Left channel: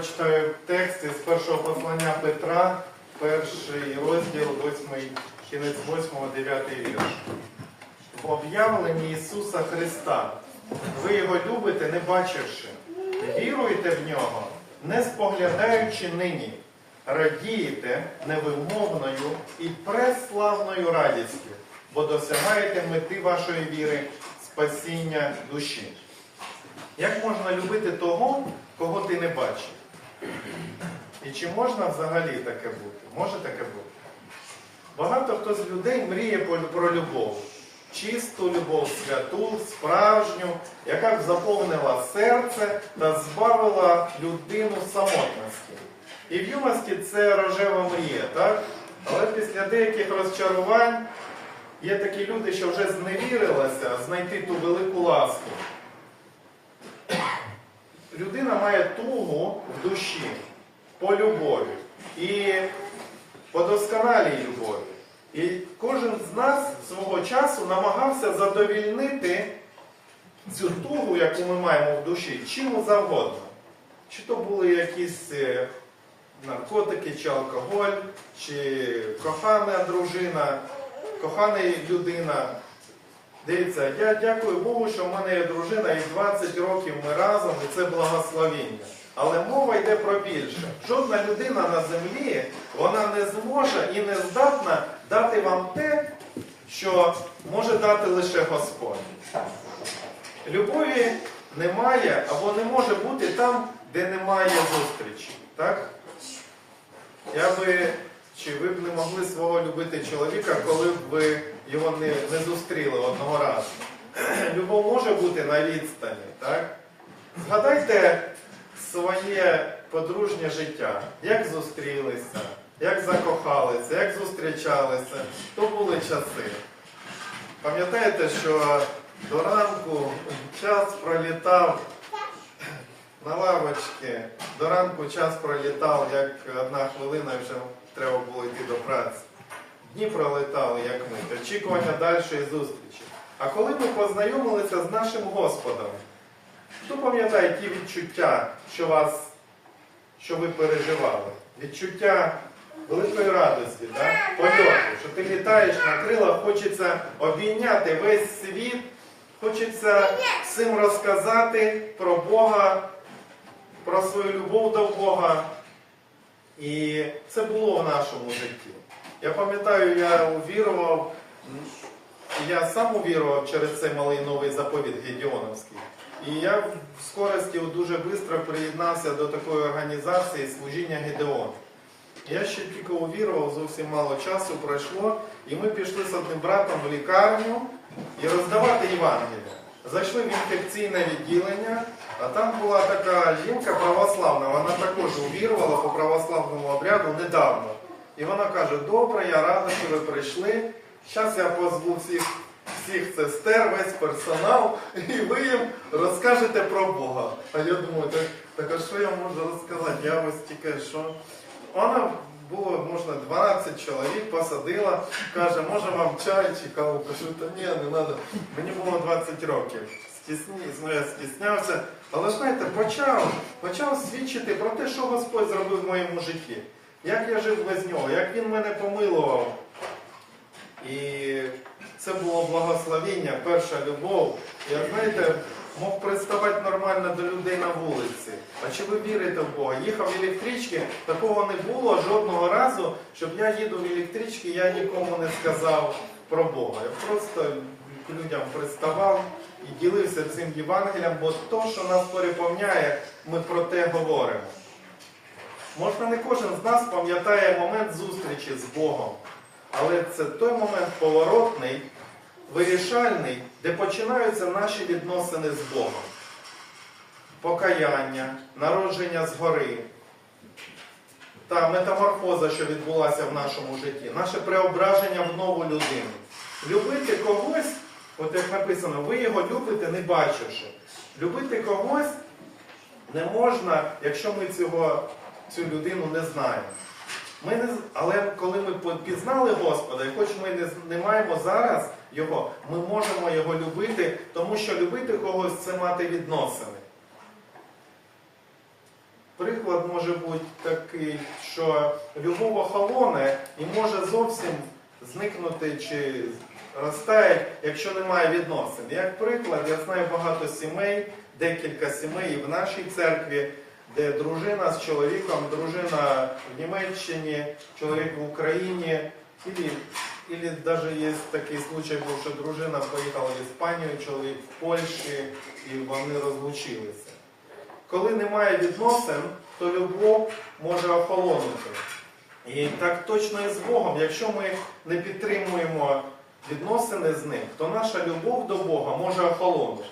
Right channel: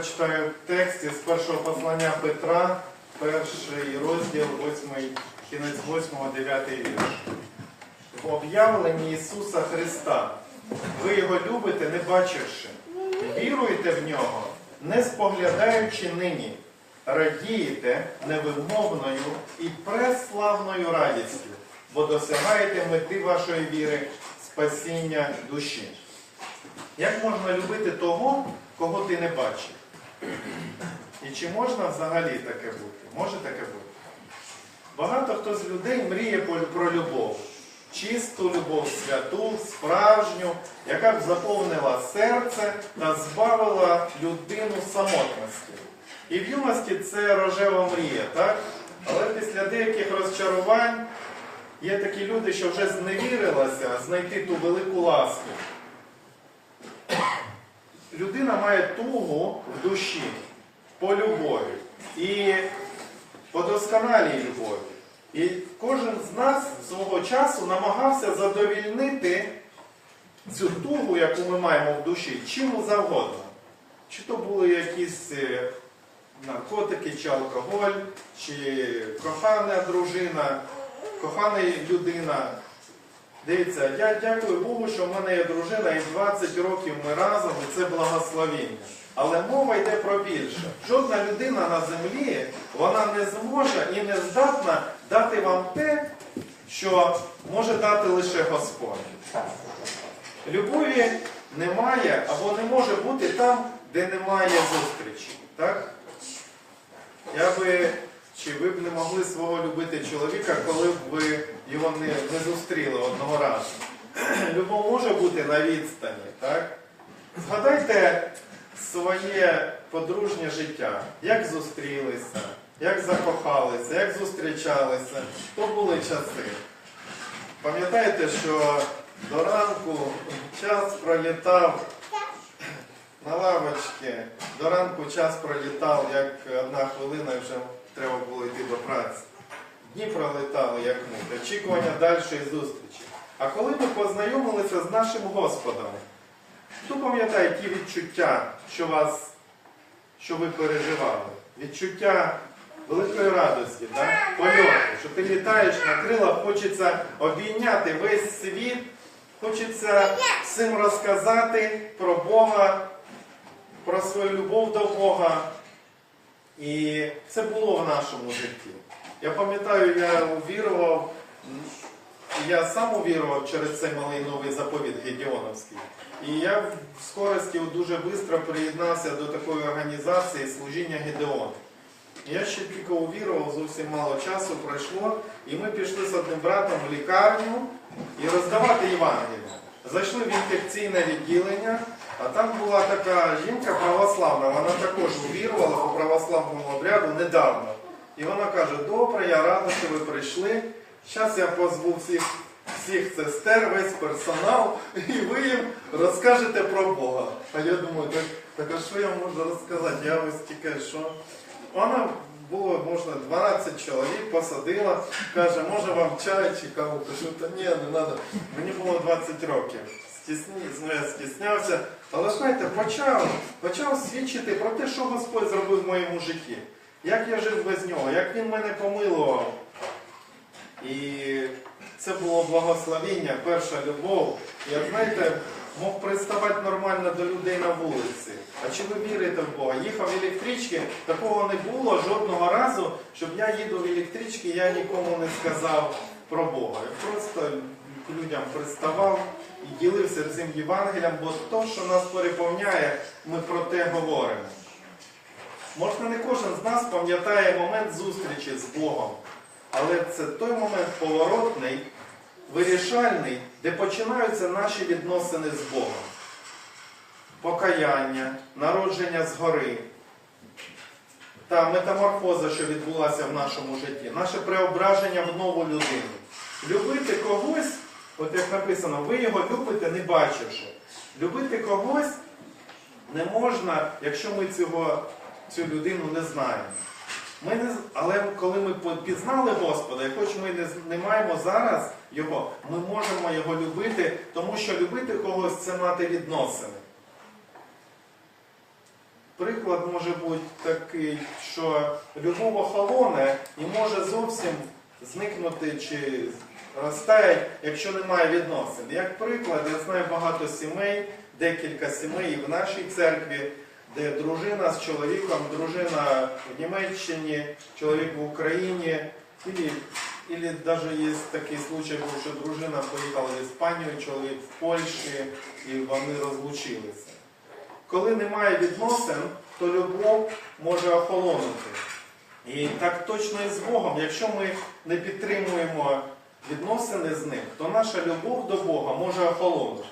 прочитаю текст із першого послання Петра, перший розділ, восьмий, кінець 8, 9 вірш. В об'явленні Ісуса Христа ви його любите, не бачивши. Віруєте в нього, не споглядаючи нині, радієте невимовною і преславною радістю, бо досягаєте мети вашої віри спасіння душі. Як можна любити того, кого ти не бачив? І чи можна взагалі таке бути? Може таке бути? Багато хто з людей мріє про любов. Чисту любов, святу, справжню, яка б заповнила серце та збавила людину самотності. І в юності це рожева мрія, так? Але після деяких розчарувань є такі люди, що вже зневірилися знайти ту велику ласку. Людина має тугу в душі по любові і по досконалій любові. І кожен з нас свого часу намагався задовільнити цю тугу, яку ми маємо в душі, чим завгодно. Чи то були якісь е, наркотики, чи алкоголь, чи кохана дружина, кохана людина. Дивіться, я дякую Богу, що в мене є дружина і 20 років ми разом, і це благословіння. Але мова йде про більше. Жодна людина на землі вона не зможе і не здатна дати вам те, що може дати лише Господь. Любові немає або не може бути там, де немає зустрічі. Так? Я би, чи ви б не могли свого любити чоловіка, коли б ви його не, не зустріли одного разу? Любов може бути на відстані, так? Згадайте своє подружнє життя, як зустрілися, як закохалися, як зустрічалися, то були часи. Пам'ятаєте, що до ранку час пролітав на лавочці, до ранку час пролітав, як одна хвилина, і вже треба було йти до праці. Дні пролетали, як мить, очікування дальшої зустрічі. А коли ми познайомилися з нашим Господом, хто пам'ятає ті відчуття, що вас, що ви переживали? Відчуття великої радості, да? польоту, що ти літаєш на крилах, хочеться обійняти весь світ, хочеться всім розказати про Бога, про свою любов до Бога. І це було в нашому житті. Я пам'ятаю, я увірував, я сам увірував через цей малий новий заповіт Гедіоновський. І я в скорості дуже швидко приєднався до такої організації служіння Гедеон. Я ще тільки увірував, зовсім мало часу пройшло, і ми пішли з одним братом в лікарню і роздавати Євангелія. Зайшли в інфекційне відділення, а там була така жінка православна, вона також увірувала по православному обряду недавно. І вона каже, добре, я рада, що ви прийшли. Зараз я позву всіх, всіх сестер, весь персонал, і ви їм розкажете про Бога. А я думаю, так, так а що я можу розказати? Я ось тільки що. Вона було, можна, 12 чоловік посадила, каже, може вам чай чи каву? Кажу, та ні, не треба. Мені було 20 років. Стісні, ну, я стіснявся. Але знаєте, почав, почав свідчити про те, що Господь зробив в моєму житті. Як я жив без нього, як він мене помилував. І це було благословіння, перша любов. Я знаєте, мог приставати нормально до людей на вулиці. А чи ви вірите в Бога? Їхав в електричці, такого не було жодного разу, щоб я їду в електричці, я нікому не сказав про Бога. Я просто к людям приставав і ділився цим Євангелієм, бо то, що нас переповняє, ми про те говоримо. Можна не кожен з нас пам'ятає момент зустрічі з Богом, але це той момент поворотний, вирішальний, де починаються наші відносини з Богом. Покаяння, народження згори та метаморфоза, що відбулася в нашому житті, наше преображення в нову людину. Любити когось, от як написано, ви його любите, не бачивши. Любити когось не можна, якщо ми цього, цю людину не знаємо. Ми не, але коли ми пізнали Господа, і хоч ми не, не маємо зараз Його, ми можемо Його любити, тому що любити когось це мати відносини. Приклад може бути такий, що любов охолоне і може зовсім зникнути чи розтаять, якщо немає відносин. Як приклад, я знаю багато сімей, декілька сімей і в нашій церкві, де дружина з чоловіком, дружина в Німеччині, чоловік в Україні, і Или даже є такий случай, був, що дружина поїхала в Іспанію, чоловік в Польщі, і вони розлучилися. Коли немає відносин, то любов може охолонути. І так точно і з Богом. Якщо ми не підтримуємо відносини з ним, то наша любов до Бога може охолонути.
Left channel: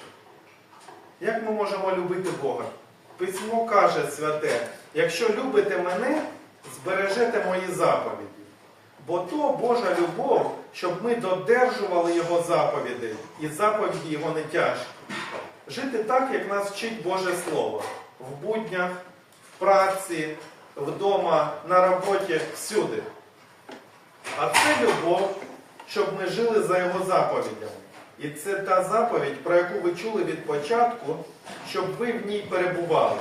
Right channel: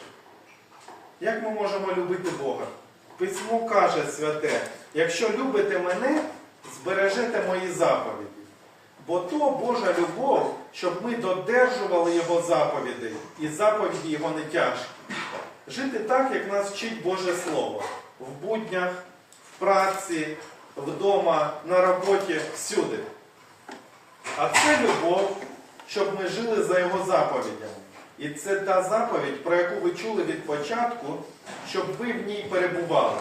Як ми можемо любити Бога? Письмо каже святе, якщо любите мене, збережете мої заповіді. Бо то Божа любов, щоб ми додержували Його заповідей, і заповіді Його не тяжкі. Жити так, як нас вчить Боже Слово. В буднях, в праці, вдома, на роботі, всюди. А це любов, щоб ми жили за Його заповідями. І це та заповідь, про яку ви чули від початку, щоб ви в ній перебували.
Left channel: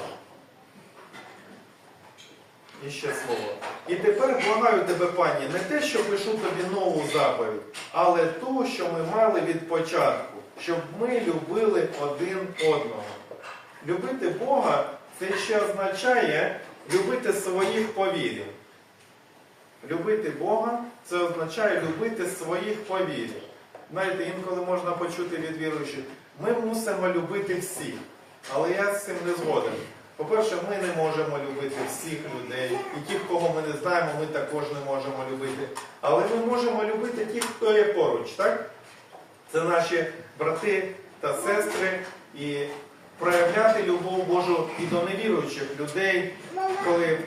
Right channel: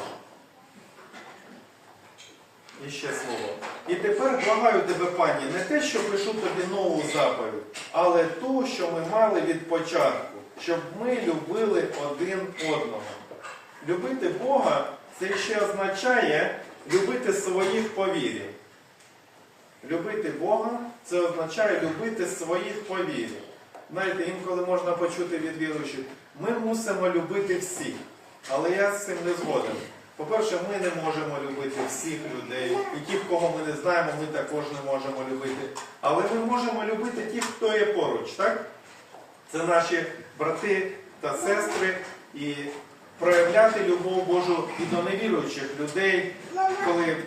І ще слово. І тепер благаю тебе, пані, не те, що пишу тобі нову заповідь, але ту, що ми мали від початку, щоб ми любили один одного. Любити Бога це ще означає любити своїх по вірі. Любити Бога це означає любити своїх по вірі. Знаєте, інколи можна почути від віруючих, ми мусимо любити всіх. Але я з цим не згоден. По-перше, ми не можемо любити всіх людей, і тих, кого ми не знаємо, ми також не можемо любити. Але ми можемо любити тих, хто є поруч, так? Це наші брати та сестри, і проявляти любов Божу і до невіруючих людей, коли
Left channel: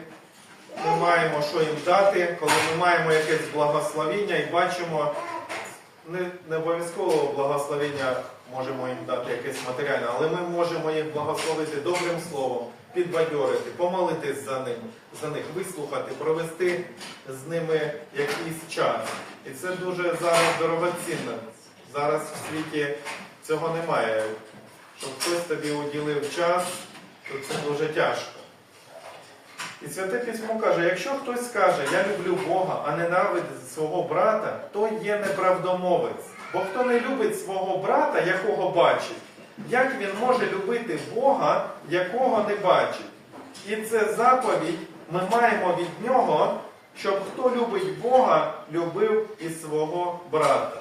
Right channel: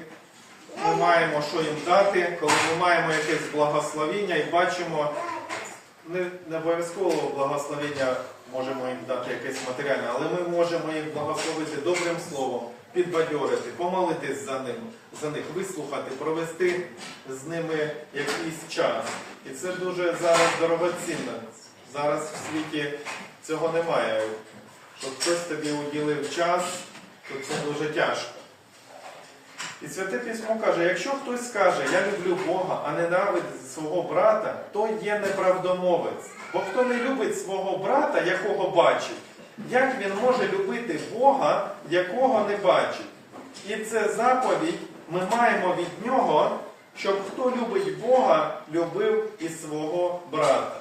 ми маємо що їм дати, коли ми маємо якесь благословіння і бачимо, не, не обов'язково благословення можемо їм дати якесь матеріальне, але ми можемо їх благословити добрим словом, підбадьорити, помолитись за ним, за них, вислухати, провести з ними якийсь час. І це дуже зараз дорогоцінно. Зараз в світі цього немає. Щоб хтось тобі уділив час, то це дуже тяжко. І Святе Письмо каже, якщо хтось скаже, я люблю Бога, а ненавидить свого брата, то є неправдомовець. Бо хто не любить свого брата, якого бачить, як він може любити Бога, якого не бачить? І це заповідь ми маємо від нього, щоб хто любить Бога, любив і свого брата.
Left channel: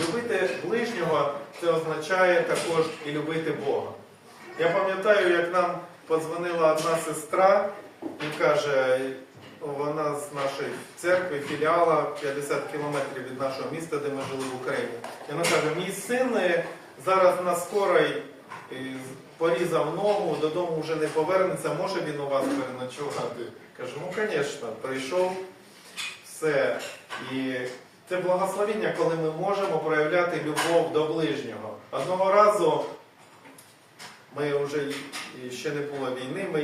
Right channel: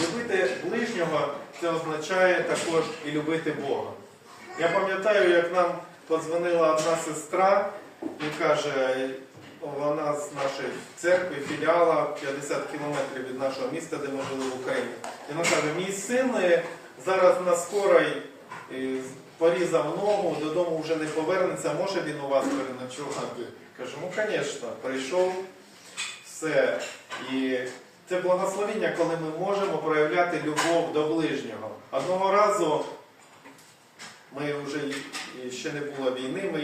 Любити ближнього це означає також і любити Бога. Я пам'ятаю, як нам подзвонила одна сестра і каже, вона з нашої церкви, філіала 50 кілометрів від нашого міста, де ми жили в Україні. І вона каже, мій син е, зараз на скорой е, порізав ногу, додому вже не повернеться, може він у вас переночувати? Кажу, ну звісно, прийшов, все. І це благословення, коли ми можемо проявляти любов до ближнього. Одного разу ми вже ще не було війни, ми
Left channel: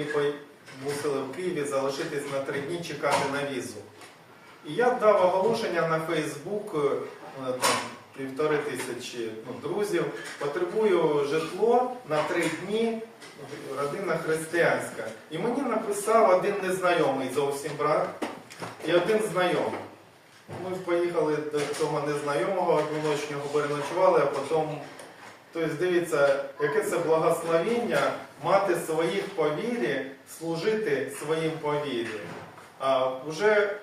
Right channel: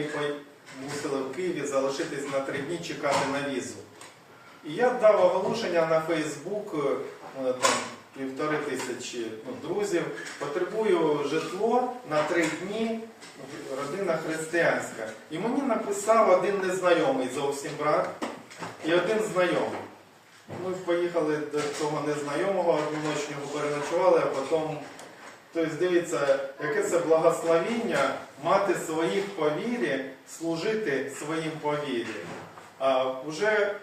мусили в Києві залишитись на три дні чекати на візу. І я дав оголошення на Фейсбук, е, півтори тисячі ну, друзів. Потребую житло на три дні, родина християнська. І мені написав один незнайомий зовсім брат і один знайомий. Ми поїхали до цього незнайомого одноночного, переночували, а потім. Тобто, дивіться, яке це благословіння мати своїх по вірі, служити своїм по. А вже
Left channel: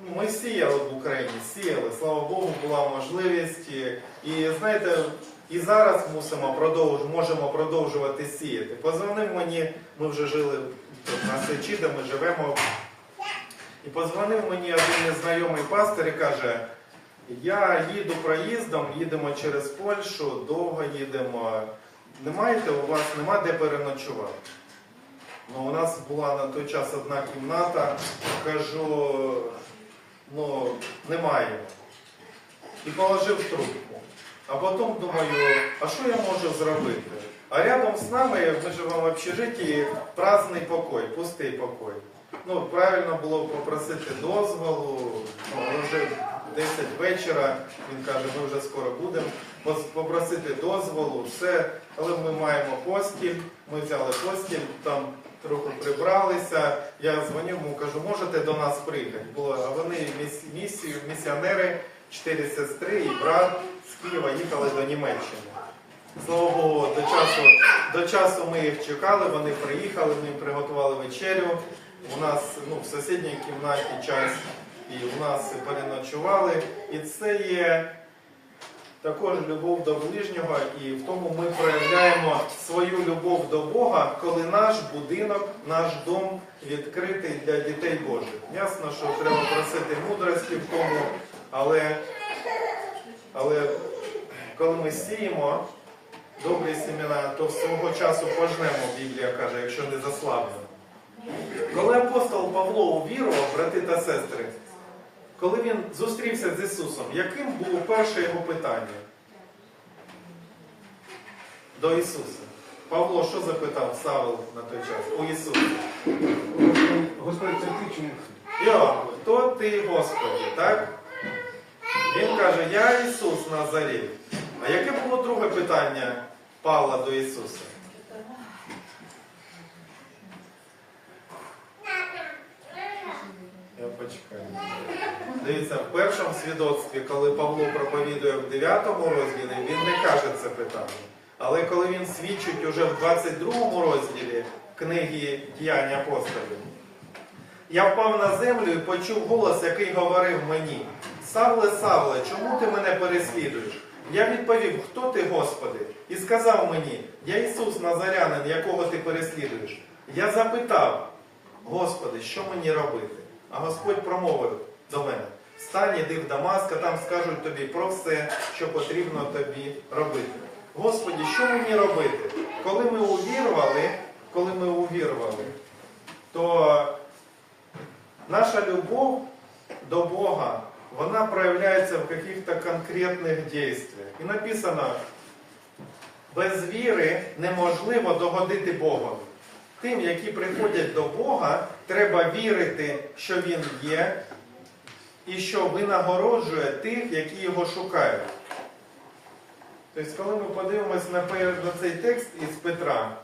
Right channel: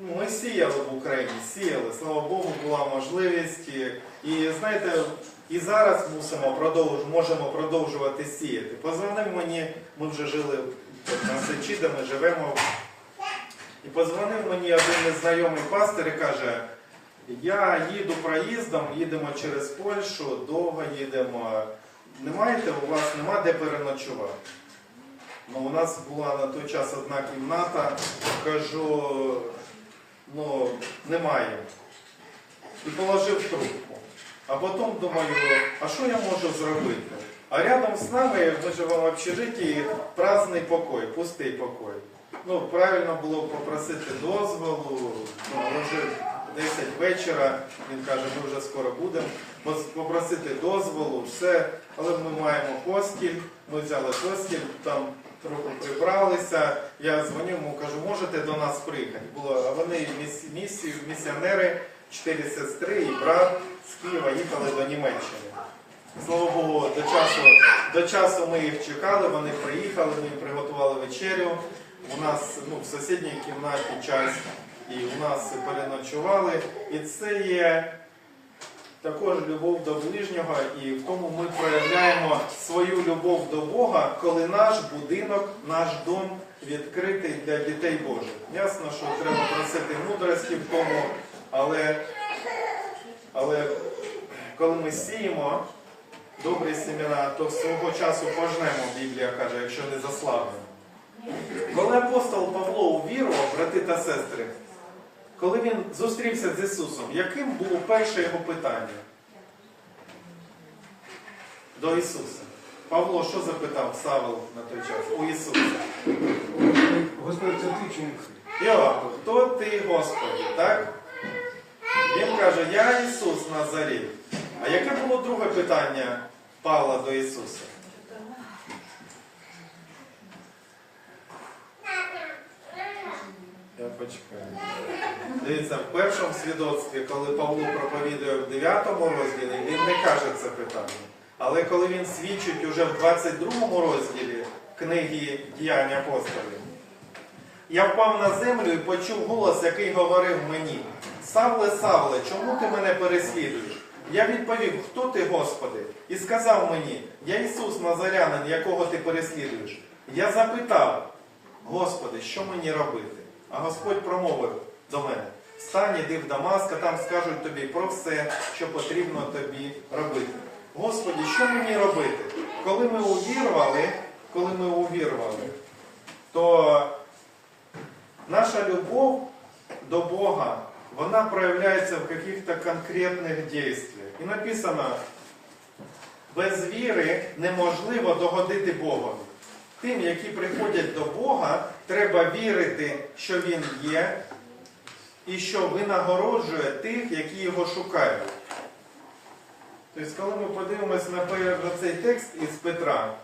ну, ми сіяли в Україні, сіяли. Слава Богу, була можливість. І, знаєте, і зараз мусимо продовж, можемо продовжувати сіяти. Позвонив мені, ми вже жили на Сечі, де ми живемо. І позвонив мені один незнайомий пастир і каже, я їду проїздом, їдемо через Польщу, довго їдемо. Не маєте, у вас нема де переночувати. Ну, у нас була на той час одна кімната, кажу, ну, немає. І положив трубку. А потім думаю, а що я можу зробити? А рядом з нами, ми живемо в общежитті, праздний покой, пустий покой. Ну, правильно було попросити дозволу, ну, вже 10 вечора. Він каже, ми вже скоро будемо. Попросити дозволу, все. Але ми маємо постіль, ми взяли постіль, там трохи прибралися. Я дзвоню йому, кажу, можете до нас приїхати. Було, а вони місію, місіонери, чотири сестри і брат з Києва їхали до Німеччини. Слава Богу, до часу, до часу ми їх чекали, вони приїхали, ми приготували вечерю. У нас ну, в сусідній кімнаті час і у нас переночували. І це є також любов до ближнього, і в тому ми проявляємо свою любов до Бога, коли наш будинок, наш дом відкритий для дітей Божих. Ясно, що треба просити мудрості в тому, але, але коли ми сіємо добрі семена, то свого часу пожнемо, Біблія каже, якщо не заслабнемо. Коли апостол Павло увірував, брати та сестри, коли він зустрівся з Ісусом, яким було перше його питання до Ісуса? Павло що запитав Савел на той час у Ісуса? Господи, це ти чому ти? Йо, хто ти, Господі, так? Він каже, я Ісус Назарій. А яке було друге питання Павла до Ісуса? Я почекаю. Дивіться, в першому свідоцтві, коли Павло проповідує в 9 розділі, він не каже це питання. Але коли він свідчить уже в 22 розділі книги Діянь апостолів, я впав на землю і почув голос, який говорив мені: Савле, Савле, чому ти мене переслідуєш? Я відповів, хто ти, Господи? І сказав мені, я Ісус Назарянин, якого ти переслідуєш. Я запитав, Господи, що мені робити? А Господь промовив до мене: Встань, іди в Дамаск, а там скажуть тобі про все, що потрібно тобі робити. Господі, що мені робити? Коли ми увірували, коли ми увірували, то наша любов до Бога, вона проявляється в каких-то конкретних действиях. І написано, без віри неможливо догодити Богові. Тим, які приходять до Бога, треба вірити, що Він є, і що винагороджує тих, які його шукають. Тобто, коли ми подивимося на цей текст із Петра,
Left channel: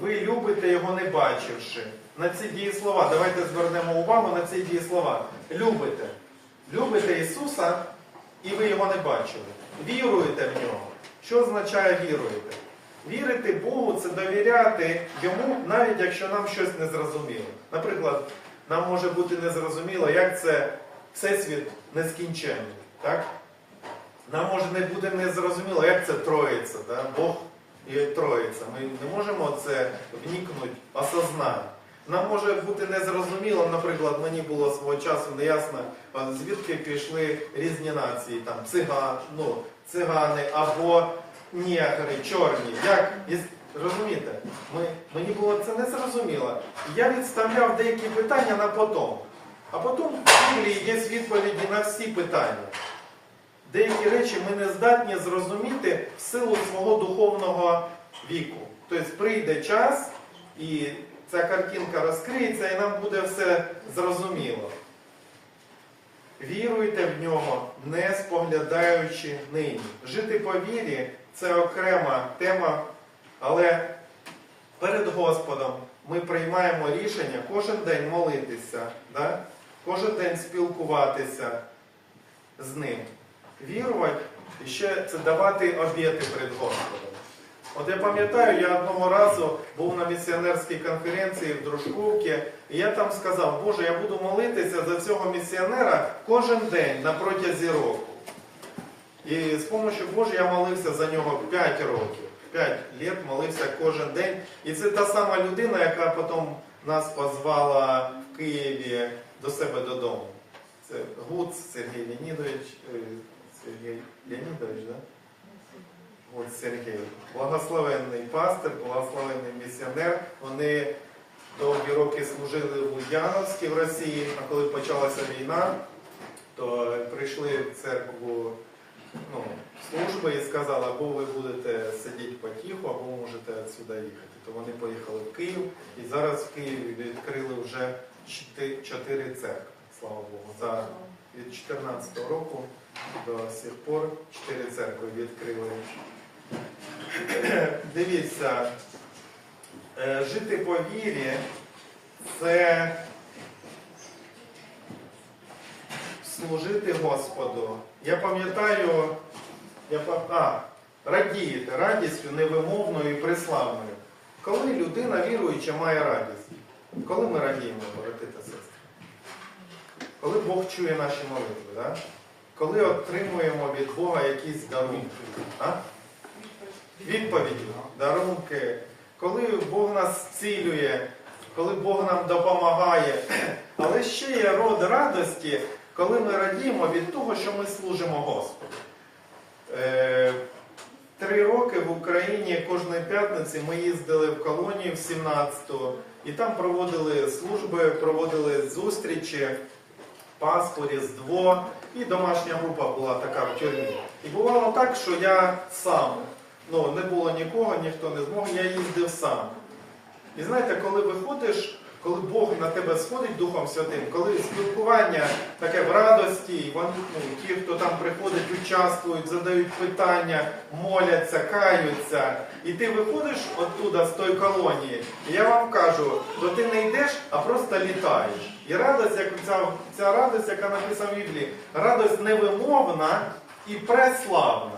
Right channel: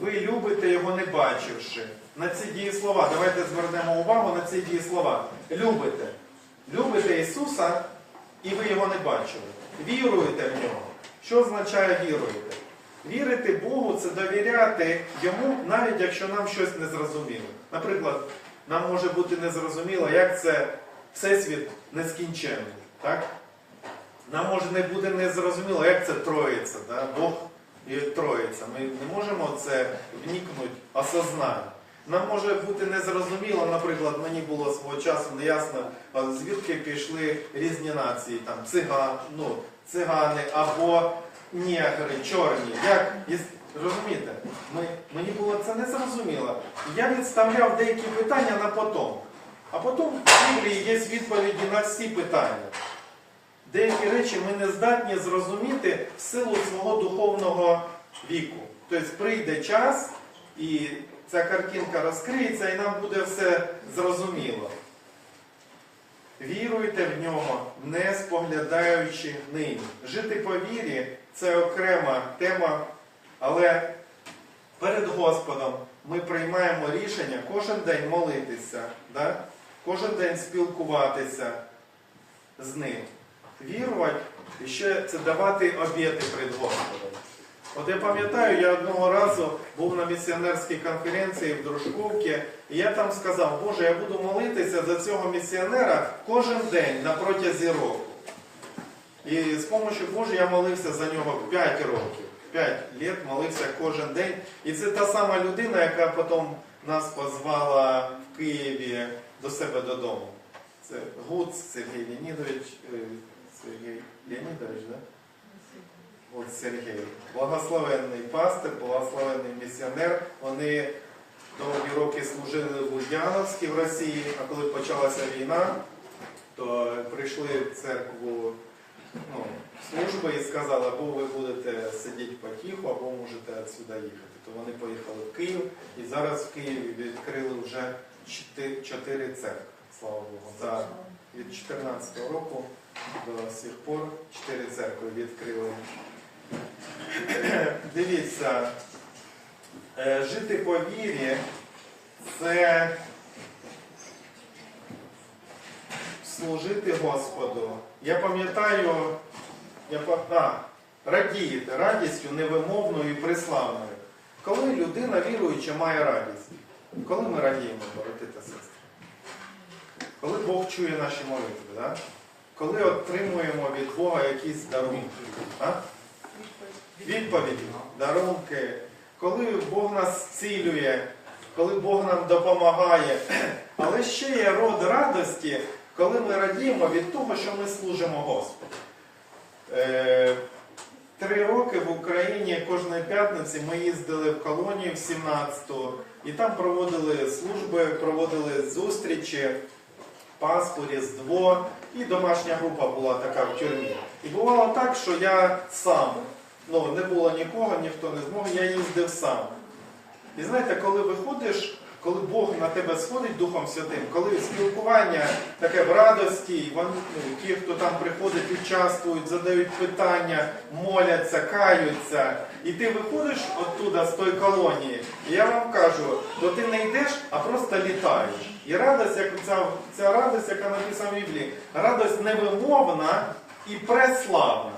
ви любите його не бачивши. На ці дієслова, давайте звернемо увагу на ці дієслова. Любите. Любите Ісуса, і ви його не бачили. Віруєте в нього. Що означає віруєте? Вірити Богу це довіряти йому, навіть якщо нам щось не зрозуміло. Наприклад, нам може бути незрозуміло, як це Всесвіт нескінченний. Так? Нам може не буде незрозуміло, як це троїться, да? Бог і троїться. Ми не можемо це вникнути, осознати. Нам може бути незрозуміло, наприклад, мені було свого часу неясно, звідки пішли різні нації, там циган, ну, цигани або негри, чорні. Як розумієте? Ми, мені було це незрозуміло. Я відставляв деякі питання на потом. А потім в Біблії є відповіді на всі питання. Деякі речі ми не здатні зрозуміти в силу свого духовного віку. Тобто прийде час, і ця картинка розкриється, і нам буде все зрозуміло. Віруйте в нього, не споглядаючи нині. Жити по вірі це окрема тема, але перед Господом ми приймаємо рішення кожен день молитися, да? Кожен день спілкуватися з ним. Вірувати і ще це давати обіти перед Господом. От я пам'ятаю, я одного разу був на місіонерській конференції в Дружковці, і я там сказав, Боже, я буду молитися за цього місіонера кожен день на протязі року. І з допомогою Божої я молився за нього 5 років. 5 років молився кожен день. І це та сама людина, яка потім нас позвала в Києві до себе додому. Це Гуц Сергій Леонідович. е, Сергій Леонідович, да? От Сергій. Благословенний пастир, благословенний місіонер. Вони довгі роки служили в Ульяновській в Росії, а коли почалася війна, то прийшли в церкву ну, служби і сказали, або ви будете сидіти потиху, або можете відсюди їхати. То вони поїхали в Київ і зараз в Києві відкрили вже чотири- церкви, слава Богу. За, від 2014 року до сих пор чотири церкви відкрили. Дивіться, е, жити по вірі це служити Господу. Я пам'ятаю, я а, радієте радістю невимовною і приславною. Коли людина віруюча має радість? Коли ми радіємо, брати та сестри? Коли Бог чує наші молитви, да? коли отримуємо від Бога якісь дарунки, а? відповіді, дарунки, коли Бог нас зцілює, коли Бог нам допомагає. Але ще є род радості, коли ми радіємо від того, що ми служимо Господу. Три роки в Україні кожної п'ятниці ми їздили в колонію в 17-ту, і там проводили служби, проводили зустрічі, Пасху, Різдво, і домашня група була така в тюрмі. І бувало так, що я сам, ну не було нікого, ніхто не змог, я їздив сам. І знаєте, коли виходиш, коли Бог на тебе сходить Духом Святим, коли спілкування таке в радості, вони, ну, ті, хто там приходить, участвують, задають питання, моляться, каються, і ти виходиш оттуда з тої колонії, і я вам кажу, то ти не йдеш, а просто літаєш. І радость, як ця, ця радость, яка написана в Біблії, радость невимовна і преславна.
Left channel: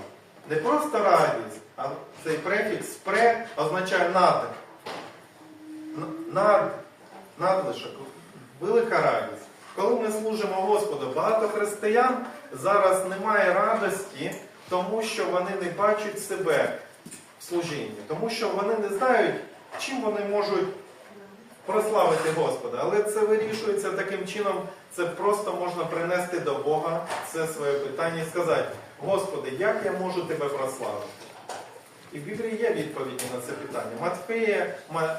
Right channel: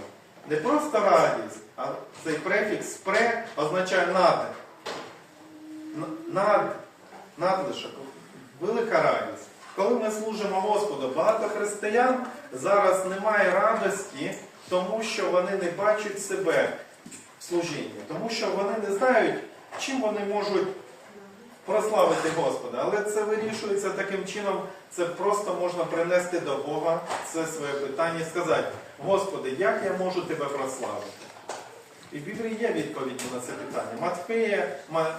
Не просто радість, а цей префікс пре означає над. Над, надлишок, велика радість. Коли ми служимо Господу, багато християн зараз немає радості, тому що вони не бачать себе в служінні, тому що вони не знають, чим вони можуть прославити Господа. Але це вирішується таким чином, це просто можна принести до Бога це своє питання і сказати, Господи, як я можу тебе прославити? І в Біблії є відповіді на це питання. Матфея,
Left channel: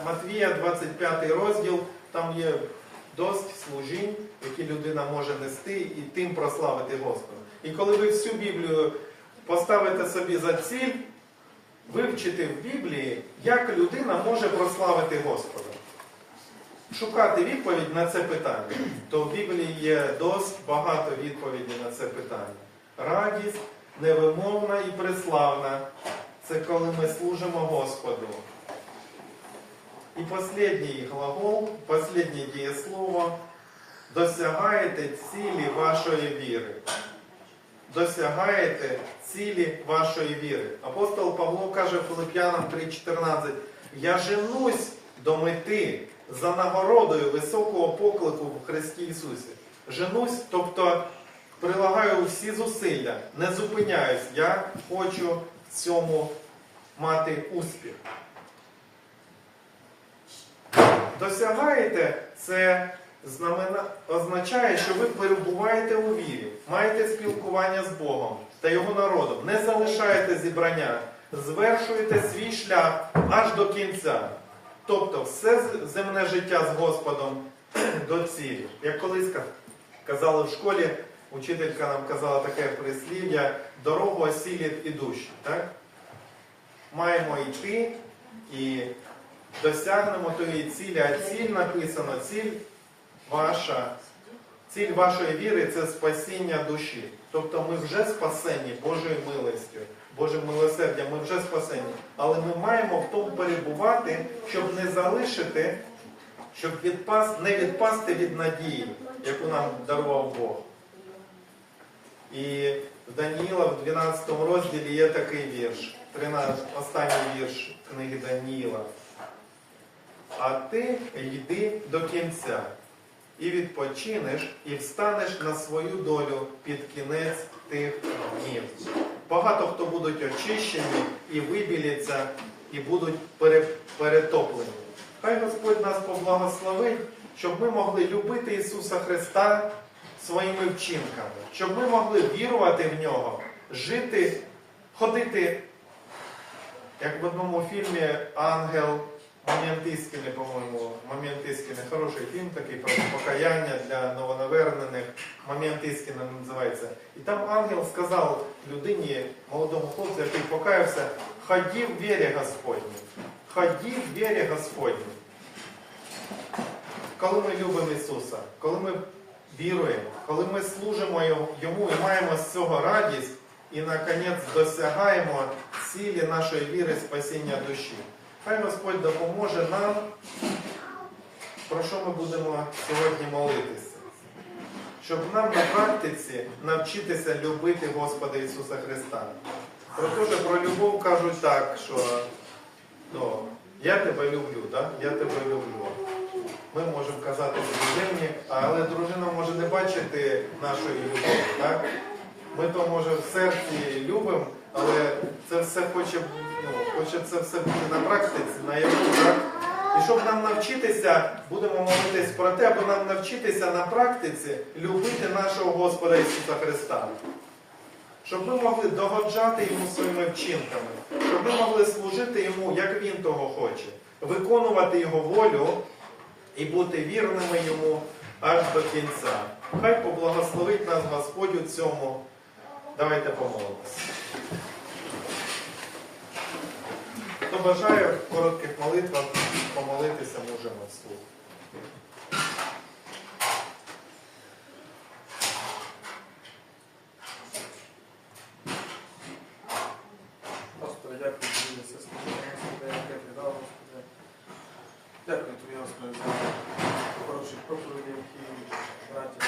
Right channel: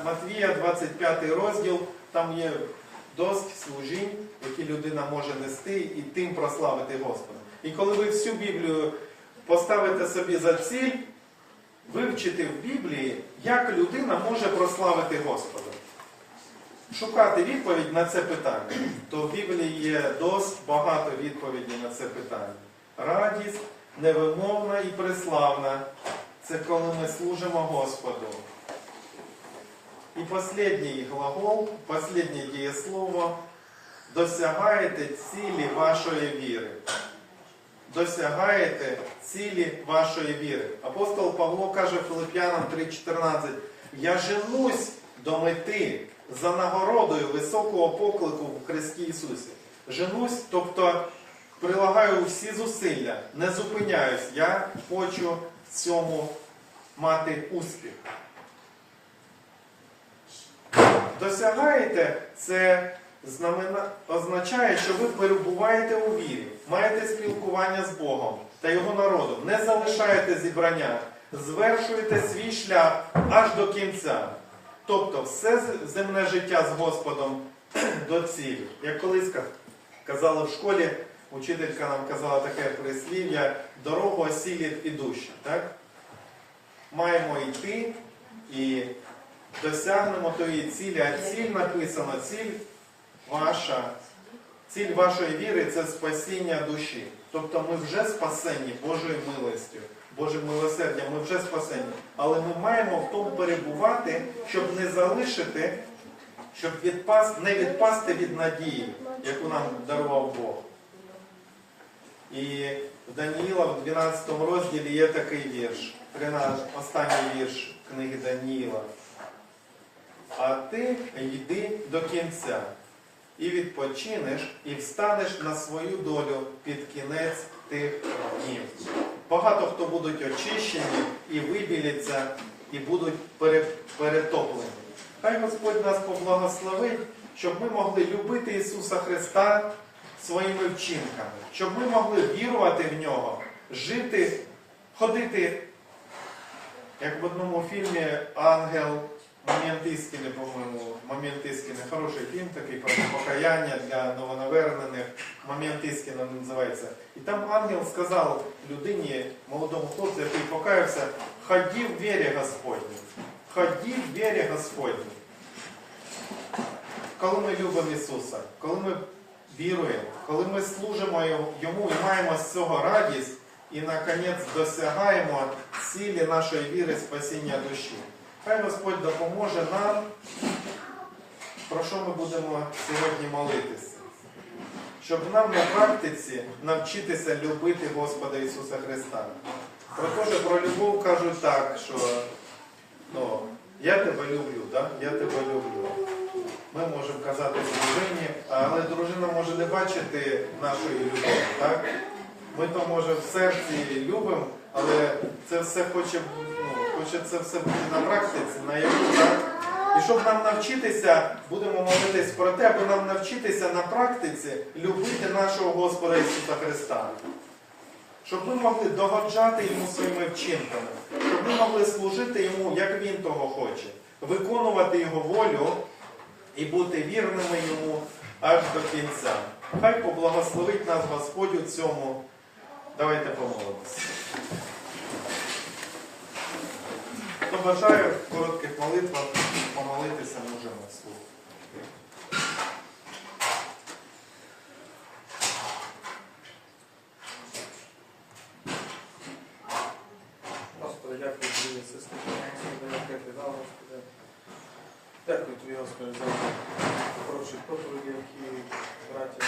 Матвія, 25 розділ, там є досить служінь, які людина може нести і тим прославити Господа. І коли ви всю Біблію поставите собі за ціль, вивчити в Біблії, як людина може прославити Господа. Шукати відповідь на це питання, то в Біблії є досить багато відповідей на це питання. Радість невимовна і преславна це коли ми служимо Господу. І останній глагол, останнє дієслово досягаєте цілі вашої віри. Досягаєте цілі вашої віри. Апостол Павло каже Филип'янам 3:14, я женусь до мети за нагородою високого поклику в Христі Ісусі. Женусь, тобто прилагаю всі зусилля, не зупиняюсь. Я хочу в цьому мати успіх. Досягаєте, це знамена... означає, що ви перебуваєте у вірі, маєте спілкування з Богом та Його народом, не залишаєте зібрання, звершуєте свій шлях аж до кінця. Тобто все земне життя з Господом до цілі. Як колись казали в школі, учителька нам казала таке прислів'я, дорогу осілять ідущі. Так? Маємо йти і досягнемо тої цілі, а ціль написано, ціль ваша, ціль вашої віри це спасіння душі. Тобто ми вже спасені Божою милостю, Божим милосердям, ми вже спасені. Але ми маємо в тому перебувати, щоб не залишити, щоб відпас, не відпасти від надії, яку нам дарував Бог. І в Даніїла в 12 розділі є такий вірш, 13, останній вірш книги Даніїла. А ти йди до кінця, і відпочинеш, і встанеш на свою долю під кінець тих днів. Багато хто будуть очищені і вибіляться, і будуть перетоплені. Хай Господь нас поблагословить, щоб ми могли любити Ісуса Христа своїми вчинками, щоб ми могли вірувати в Нього, жити, ходити, як в одному фільмі Ангел Моментискіни, по-моєму, Моментискіни, хороший фільм такий про покаяння для новонавернених. Моментискіни називається. І там ангел сказав людині, молодому хлопцю, який покаявся, ході в вірі Господній. Ході в вірі Господній. Коли ми любимо Ісуса, коли ми віруємо, коли ми служимо йому і маємо з цього радість, і наконець досягаємо цілі нашої віри спасіння душі. Хай Господь допоможе нам, про що ми будемо сьогодні молитися. Щоб нам на практиці навчитися любити Господа Ісуса Христа. Про те, що про любов кажуть так, що ну, я тебе люблю, да? я тебе люблю. Ми можемо казати дружині, але дружина може не бачити нашої любові. Так? Ми то може в серці любимо, але це все хоче, ну, хоче це все бути на практиці, на яку, так? І щоб нам навчитися, будемо молитись про те, аби нам навчитися на практиці любити нашого Господа Ісуса Христа. Щоб ми могли догоджати йому своїми вчинками, щоб ми могли служити йому, як він того хоче, виконувати його волю і бути вірними йому аж до кінця. Хай поблагословить нас Господь у цьому. Давайте помолимося. Хто бажає в коротких молитвах помолитися, можемо вслух. Господи, дякую тобі за це дав, Господи. Дякую тобі, Господи, за хороші проповіді, які браті,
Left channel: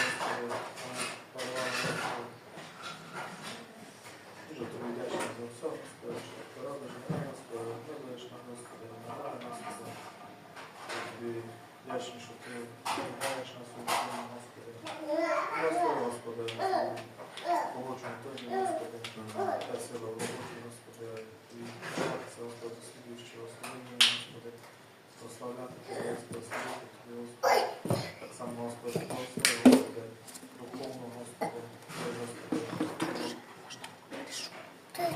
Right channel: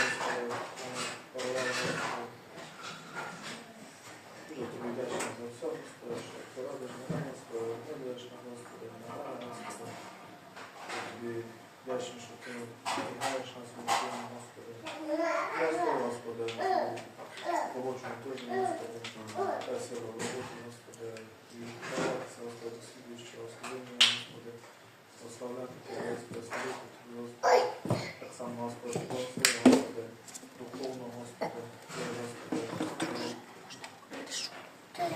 23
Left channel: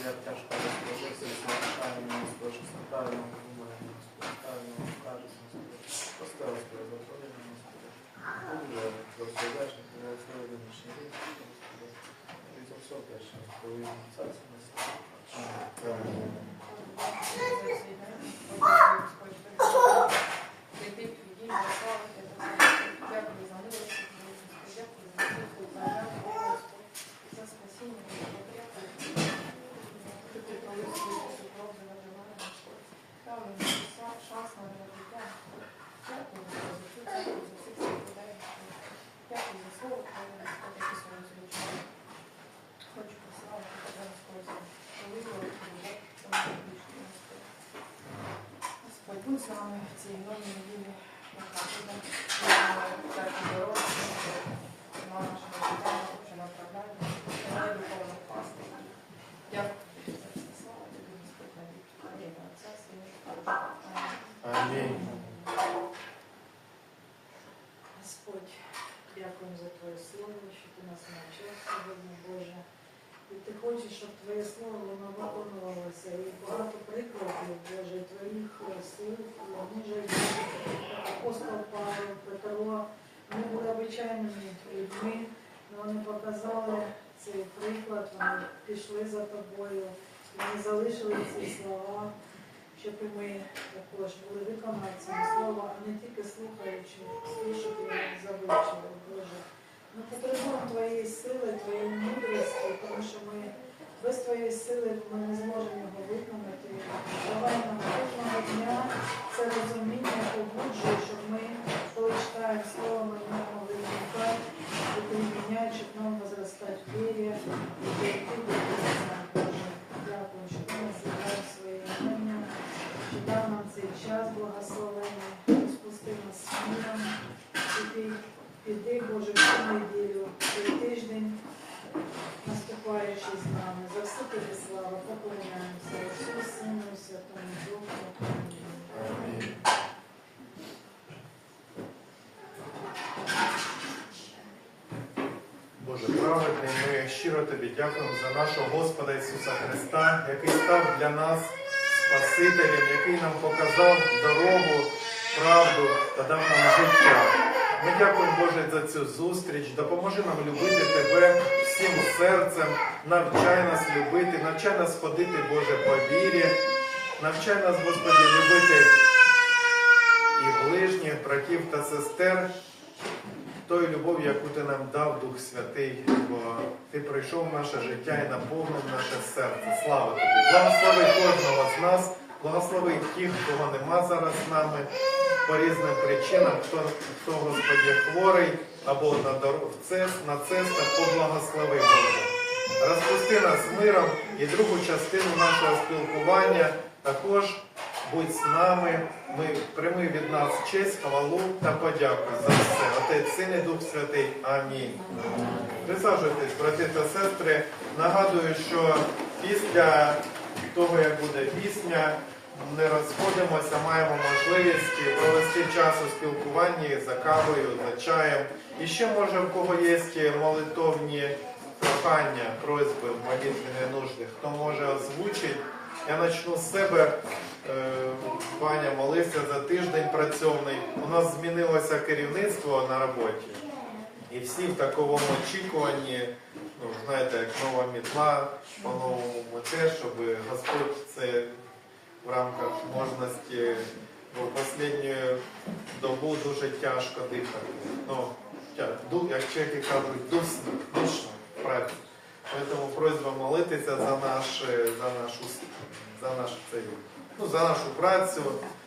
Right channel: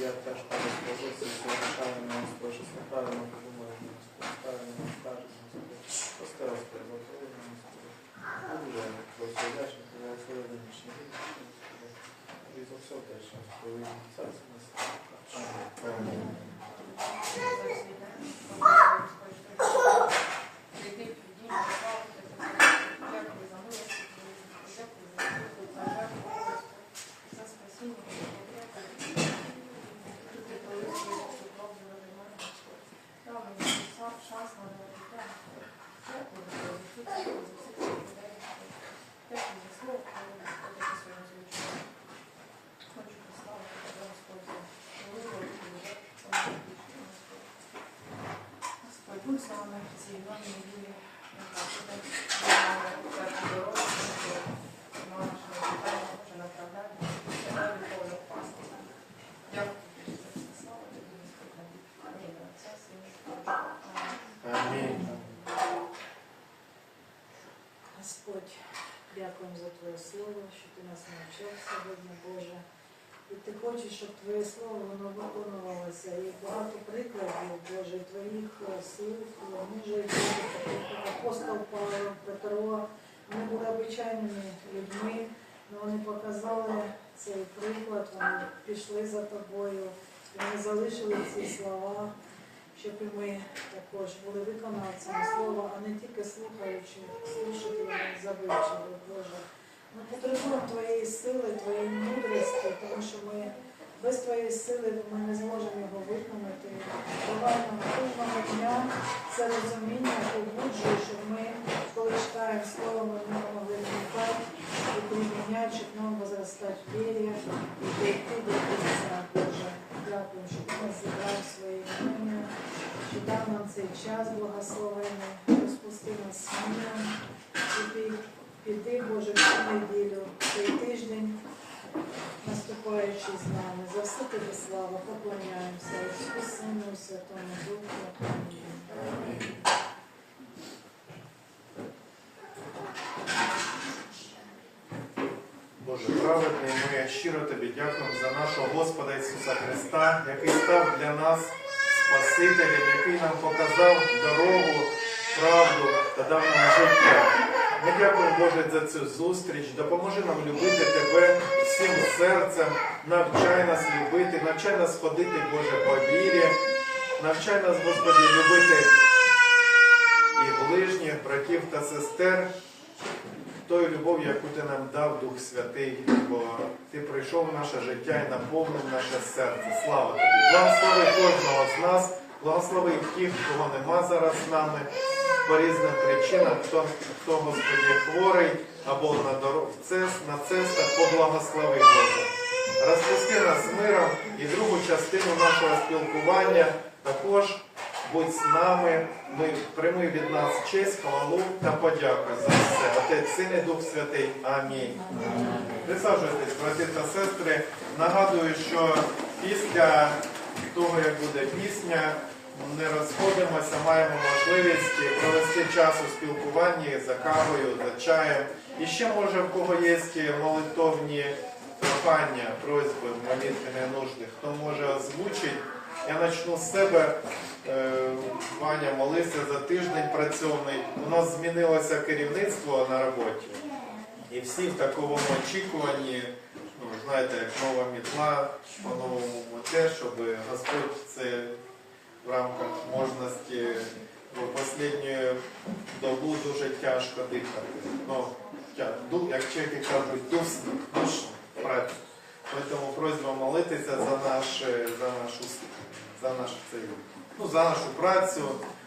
я теж кажу позицію, правильно не спишеться, правильно говоримо, правильно кажуть, поставилось переблагословення на Господа. Уважаємо, благословляшні, благословення нічні і за все те, що повинні царці нас. Амінь. Будь з нами в цій новій неділі, яка буде першу дорогу, на нашому направляти, дай духовну пасту. Дякую тобі за це, слава тобі, Господь, на вік. Амінь. Отця, Сина, і Духа. Амінь. Амінь. Господь, дякуємо за Твоє слово, що Ти нас навчив сьогодні, Боже. І Ти хочеш, щоб Твоє слово воно виконувалося. І багато прикладів, Боже, і Слів, мужа апостол Павло, Петро, вони були обичайними людьми, але вони показали цей приклад, вони пішли за тобою, вони залишили ці слова, щоб і ми також були виконавцями слова, а не тільки слухаючи, слушати і завивчили, Боже. Ми потребуємо Твоєї сили, Твоєї мудрості, тому що ми без Твоєї сили ми не зможемо його виконати. Давай нам кожного дня це розуміння побуджує, щоб ми, коли читаємо слово, ми в ньому виникати і приміняти, щоб нам возростати в вірі і дійти до кінця, Боже. Дякую, що ти нас зібрав своє ім'я, що дав нам цей час благословений, розпусти нас смілом, і ти піди, Боже, в цю неділю, цей тиждень, наступаючи з нами. За все тобі слава, поклоняємося Отцю, Сину, і Святому Духу. Боже праведний, ми щиро тобі дякуємо за нашого Господа Ісуса Христа, який став для нас Спасителем, який нам показав дорогу, правду та дав нам життя. Ми дякуємо, Боже, за цю зустріч. Допоможи нам любити Тебе всім серцем, навчай нас любити, навчай нас ходити, Боже, по вірі, навчай нас, Господи, любити і ближніх, братів та сестер, тою любов'ю, яку ти нам дав Дух Святий, бо ти прийшов в наше життя і наповнив наше серце. Слава тобі! Благослови кожного з нас, благослови тих, кого нема зараз з нами по різним причинам, хто, хто Господі хворий або на дорог, на цестах, поблагослови Боже. Розпусти нас миром і другу частину нашого спілкування також будь з нами. Ми прийми від нас честь, хвалу та подяку за все. Отець, Син і Дух Святий. Амінь. Присаджуйтесь, брати та сестри. Нагадую, що після того, як буде пісня, не розходимося, маємо можливість провести час у спілкуванні за кавою, за чаєм. І ще може в кого є молитовні прохання, просьби, молитвені нужди, хто може озвучить. Я почну з себе. Е, Ваня молився за тиждень працьовний. У нас змінилося керівництво на роботі. І всі в такому очікуванні, ну, знаєте, як нова мітла, по-новому те, щоб Господь це в рамках можності, бо останню добу дуже тяжко дихати. Ну, як чеки кажуть, дусно, душно працю. Тому просьба молитися за наш, е, за нашу за наш цей, ну, за нашу працю,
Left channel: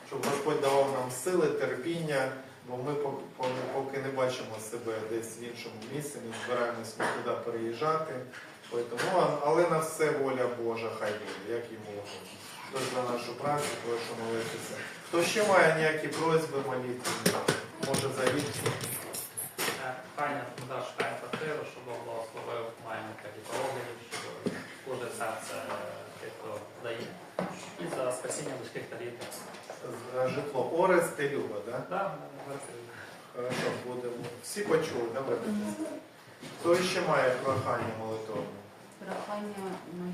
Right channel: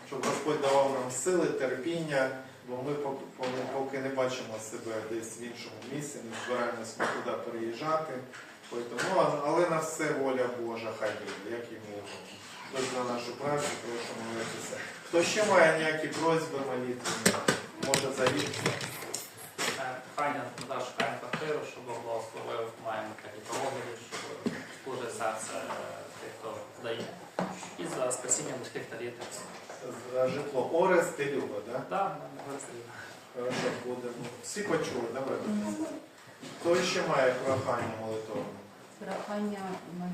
щоб Господь давав нам сили, терпіння, бо ми поки, поки- не бачимо себе десь в іншому місці, не збираємось нікуди переїжджати. Тому, але на все воля Божа, хай буде, як йому угодно. Тож за нашу працю прошу молитися. Хто ще має ніякі просьби молитвені, може заїхати. Прохання туди шукаємо квартиру, щоб Бог благословив, маємо такі пороги, щоб кожне серце е, тих, хто дає. І за спасіння людських та дітей. За житло Орест і Люба, так? Мене. Хорошо, будемо. Всі почули, давайте. Хто ще має прохання молитовне? Прохання на